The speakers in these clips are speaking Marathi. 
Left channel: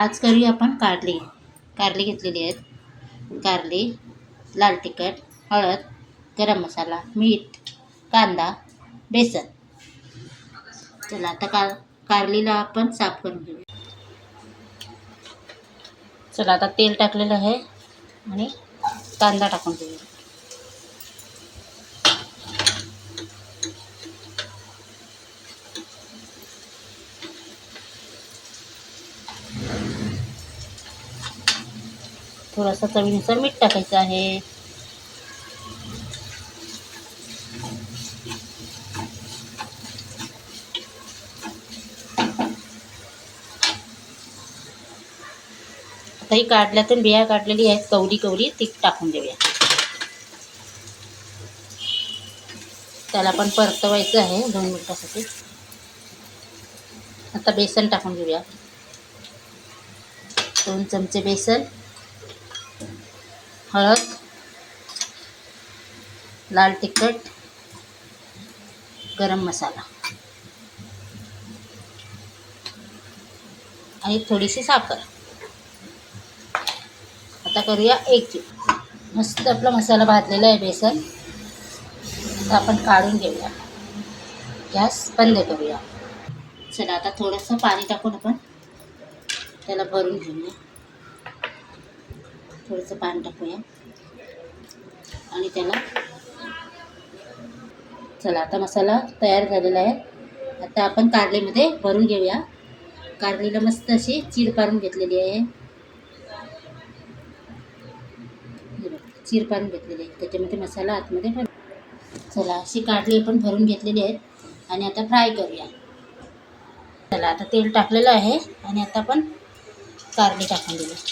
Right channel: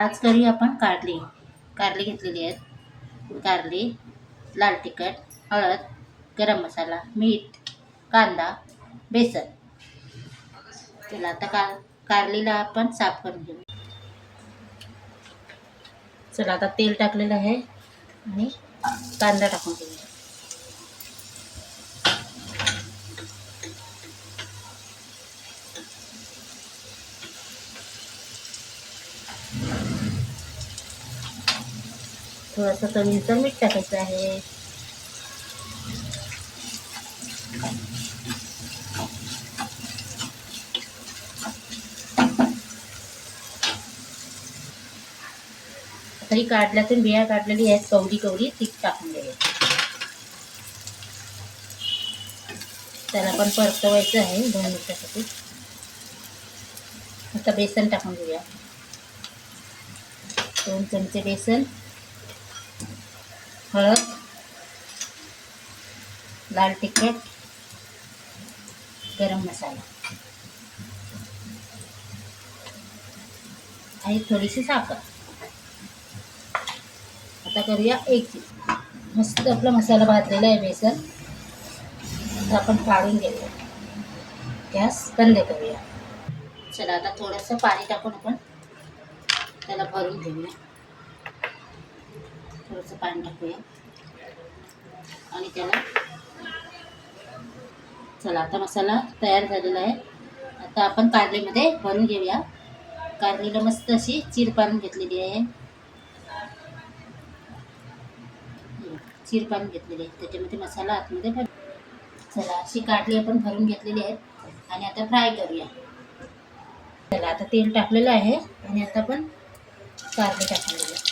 आज करूया आपण कारली. कारली घेतलेली आहेत. कारली, लाल तिखट, हळद, गरम मसाला, मीठ, कांदा, बेसन. चला आता कारलीला आपण साफ करून घेऊ. चला आता तेल टाकलेलं आहे आणि कांदा टाकून घेऊया. थोडंसं चवीनुसार मीठ टाकायचं आहे. आता ही काढल्यातून बिया काढलेली आहेत, कवडी ती टाकून देऊया. त्याला पण परतवायचं आहे 2 मिनिटासाठी. आता बेसन टाकून घेऊया. 2 चमचे बेसन, हळद, लाल तिखट, गरम मसाला आणि थोडीशी साखर. आता करूया एक जीव. मस्त आपला मसाला भाजलेला आहे बेसन. आता आपण काढून घेऊया. गॅस बंद करूया. चला आता थोडंसं पाणी टाकून आपण त्याला भरून घेऊया. थोडंसं पाणी टाकूया आणि त्याला चला आता मसाला तयार झालेला आहे. आता आपण कारलीमध्ये भरून घेऊया. कारलीला मस्त अशी चीर पाडून घेतलेली आहे. चीर पाडून घेतलेली आहे, त्याच्यामध्ये मसाला आतमध्ये भर. चला अशी कारली आपण भरून घेतलेली आहे आणि आता फ्राय करूया. चला आता तेल टाकलेलं आहे आणि आता आपण कारली टाकून देऊया.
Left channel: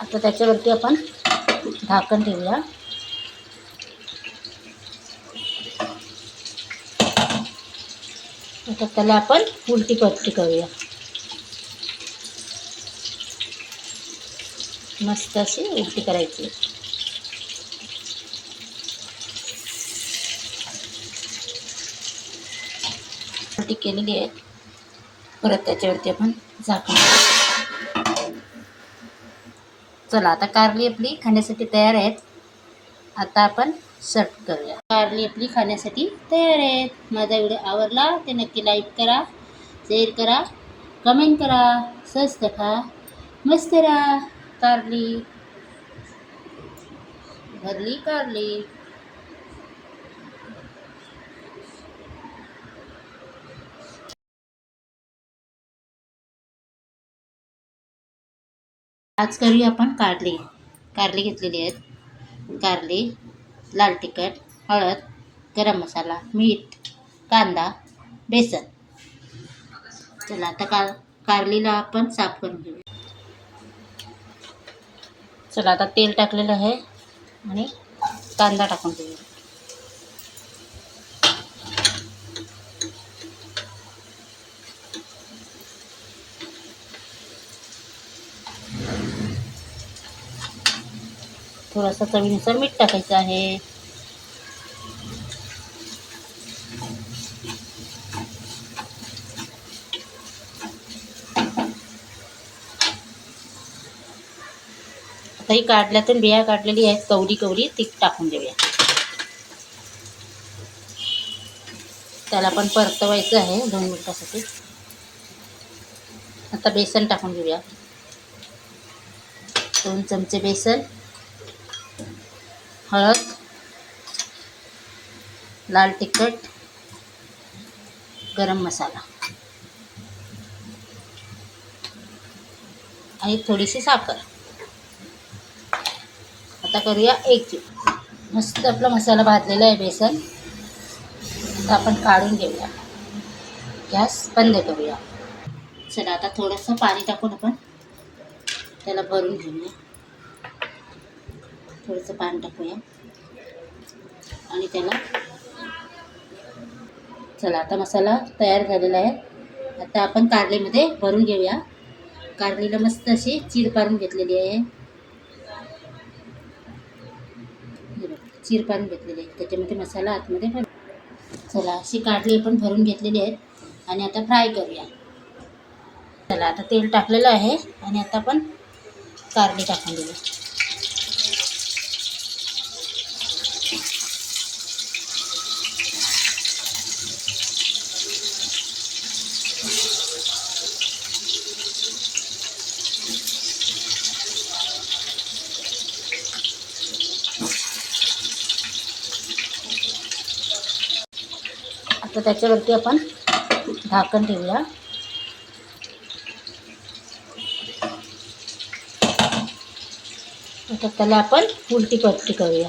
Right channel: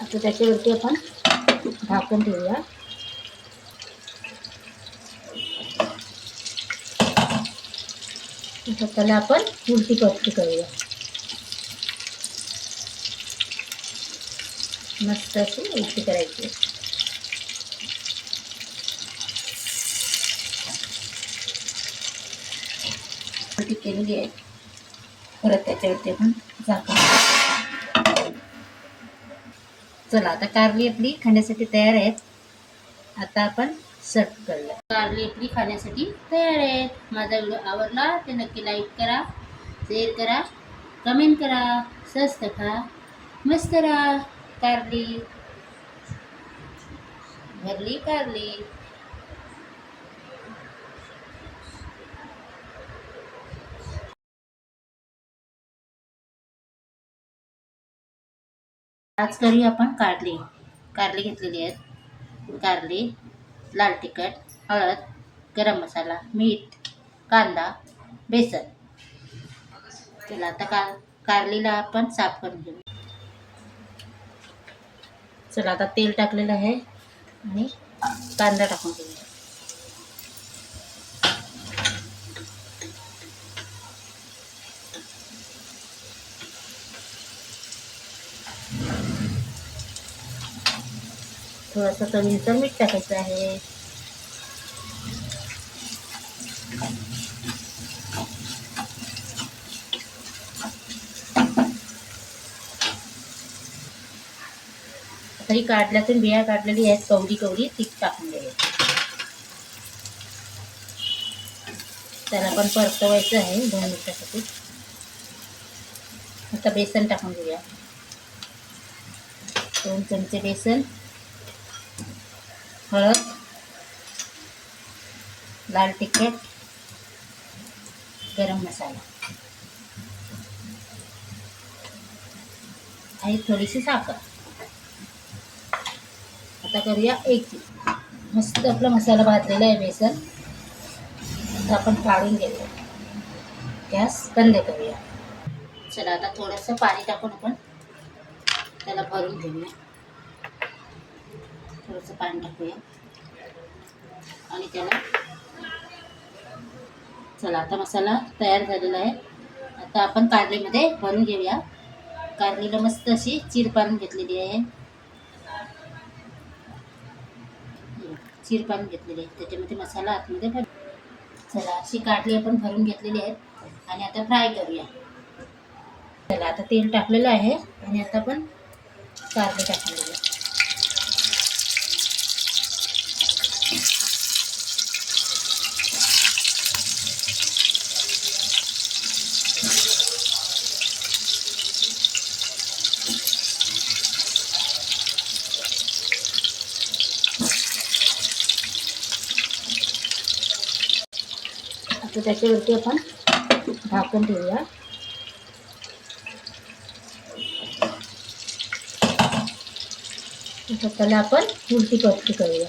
आता त्याच्यावरती आपण झाकण ठेवूया. आता त्याला आपण उलटी पलटी करूया. मस्त अशी उलटी करायची. उलटी केलेली आहे. परत त्याच्यावरती आपण झाकण. चला आता कारली आपली खाण्यासाठी तयार आहेत. आता आपण सर्व करूया. कारली आपली खाण्यासाठी तयार आहेत. माझा व्हिडिओ आवडला ते नक्की लाईक करा, शेअर करा, कमेंट करा. स्वस्त खा, मस्त राहा. कारली भरली कारली. आज करूया आपण कारली. कारली घेतलेली आहेत. कारली, लाल तिखट, हळद, गरम मसाला, मीठ, कांदा, बेसन. चला आता कारलीला आपण साफ करून घेऊ. चला आता तेल टाकलेलं आहे आणि कांदा टाकून घेऊया. थोडंसं चवीनुसार मीठ टाकायचं आहे. आता ही काढल्यातून बिया काढलेली आहेत, कवडी ती टाकून देऊया. त्याला पण परतवायचं आहे 2 मिनिटासाठी. आता बेसन टाकून घेऊया. 2 चमचे बेसन, हळद, लाल तिखट, गरम मसाला आणि थोडीशी साखर. आता करूया एक जीव. मस्त आपला मसाला भाजलेला आहे बेसन. आता आपण काढून घेऊया. गॅस बंद करूया. चला आता थोडंसं पाणी टाकून आपण त्याला भरून घेऊया. थोडंसं पाणी टाकूया आणि त्याला चला आता मसाला तयार झालेला आहे. आता आपण कारलीमध्ये भरून घेऊया. कारलीला मस्त अशी चीर पाडून घेतलेली आहे. चीर पाडून घेतलेली आहे, त्याच्यामध्ये मसाला आतमध्ये भर. चला अशी कारली आपण भरून घेतलेली आहेत आणि आता फ्राय करूया. चला आता तेल टाकलेलं आहे आणि आता आपण कारली टाकून देऊया. आता त्याच्यावरती आपण झाकण ठेवूया. आता त्याला आपण उलटी पलटी करूया.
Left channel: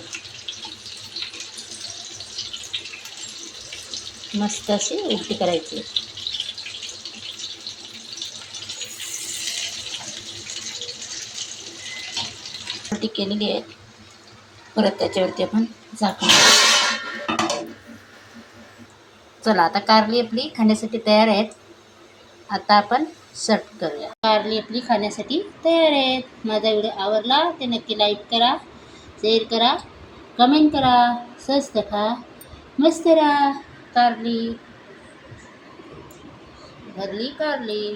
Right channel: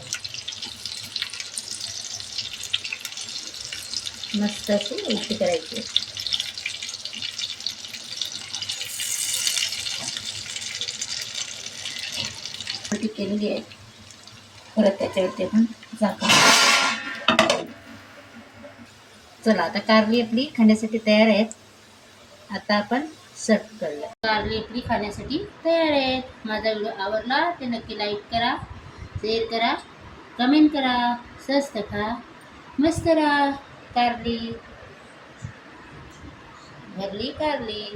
मस्त अशी उलटी करायची. उलटी केलेली आहे. परत त्याच्यावरती आपण झाकण. चला आता कारली आपली खाण्यासाठी तयार आहेत. आता आपण सर्व करूया. कारली आपली खाण्यासाठी तयार आहेत. माझा व्हिडिओ आवडला ते नक्की लाईक करा, शेअर करा, कमेंट करा. स्वस्त खा, मस्त राहा. कारली भरली कारली.